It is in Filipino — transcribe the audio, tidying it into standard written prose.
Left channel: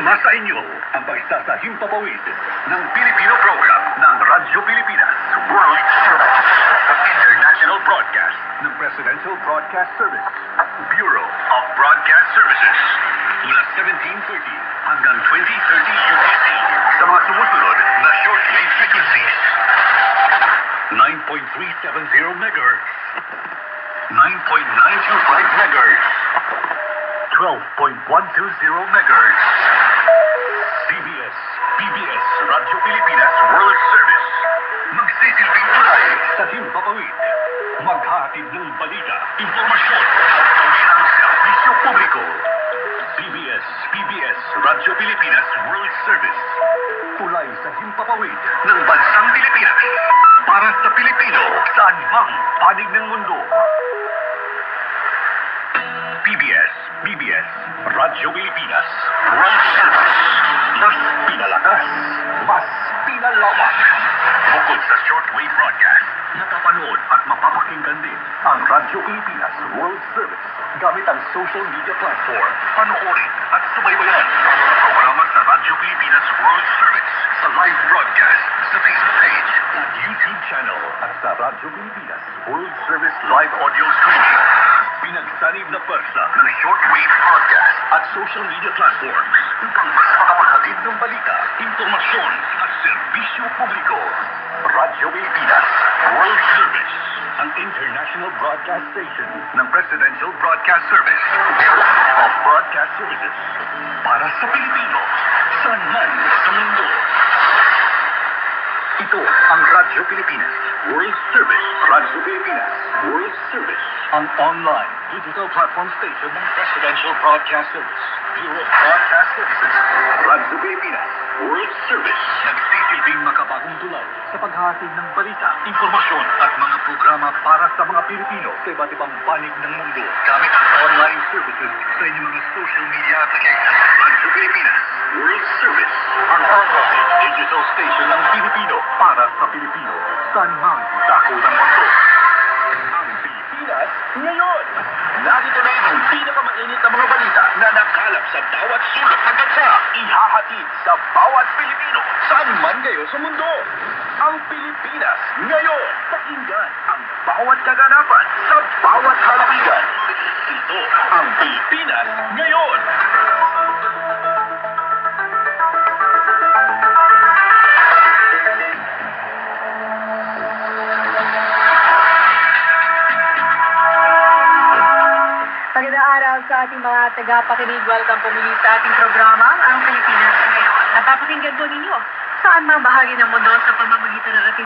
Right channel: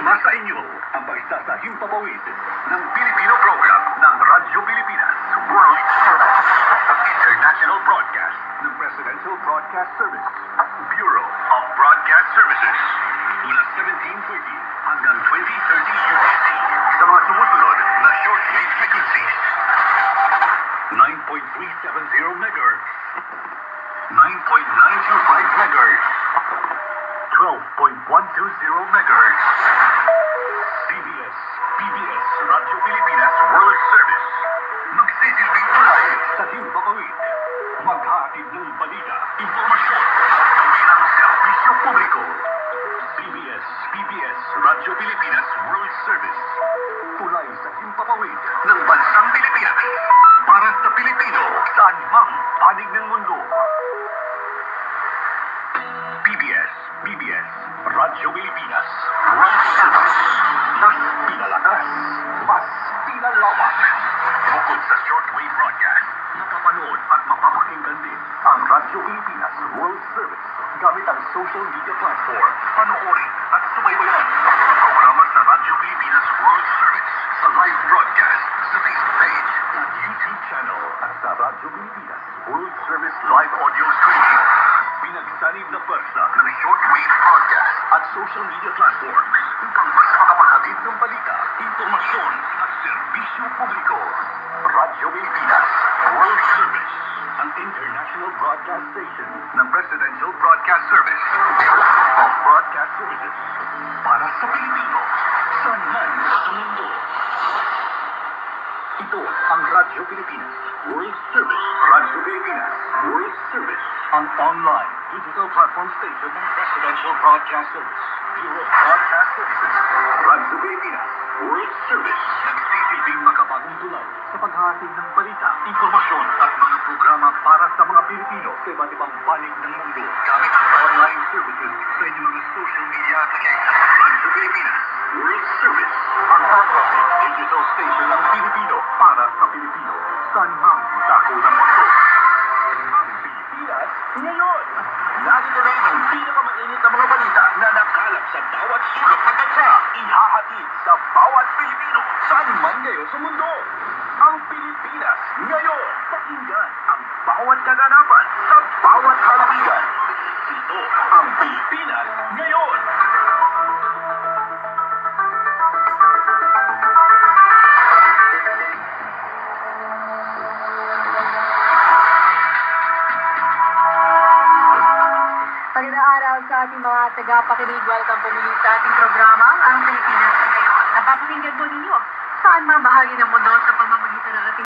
Sumasa inyo ang paisa sa himpapawid ng Pilipino program ng Radyo Pilipinas World Service, International Broadcast ng Presidential Broadcast Service, Bureau of Broadcast Services, mula 1730 hanggang 2030 UTC sa mga sumusunod na shortwave frequencies: 9.370 MHz, 9.925 MHz, 12.120 MHz. PBS Radyo Pilipinas World Service. Magsisilbing tulay sa himpapawid. Maghahatid ng balita, impormasyon at pangirang serbisyo publiko. PBS Radyo Pilipinas World Service. Tulay sa himpapawid ng bansang Pilipinas. Para sa Pilipino, saan mang panig ng mundo. PBS Radyo Pilipinas World Service. Mas pinalakas, mas pinalawak. Bukod sa shortwave broadcast, napapanood at mapapakinggan din ang Radyo Pilipinas World Service gamit ang social media platform. Panoorin at subaybayan ang mga programa sa Radyo Pilipinas World Service sa live broadcast sa Facebook page at YouTube channel at sa Radyo Pilipinas World Service live audio streaming. Pinagsanib na pwersa ng shortwave broadcast at social media platforms upang mas makapaghatid ng balita, impormasyon at serbisyo publiko. Radyo Pilipinas World Service, ang international broadcast station ng Presidential Broadcast Service, Bureau of Broadcast Services, para sa Pilipino, saan man sa mundo. Ito ang Radyo Pilipinas World Service. Radyo Pilipinas World Service, ang online digital platform station ng Presidential Broadcast Service, Bureau of Broadcast Services. Radyo Pilipinas World Service, nagsisilbing makabagong tulay sa paghahatid ng balita, impormasyon at mga programa para sa mga Pilipino sa iba't ibang panig ng mundo gamit ang online services sa inyong mga social media applications. Radyo Pilipinas World Service, ang online digital station ng Pilipino para sa Pilipino, saan mang dako ng mundo. Ang Pilipinas ngayon. Narito na ang pinakamainit na mga balita na nakalap sa bawat sulok ng bansa. Ihahatid sa bawat Pilipino, saan man kayo sa mundo. Ang Pilipinas ngayon. Pakinggan ang bawat kaganapan sa bawat halawigan. Ito ang Pilipinas ngayon. Magandang araw sa ating mga tagapakinig. Welcome po muli sa ating programa, ang Pilipinas ngayon. Napapakinggan po ninyo saan man bahagi ng mundo sa pamamagitan ng ating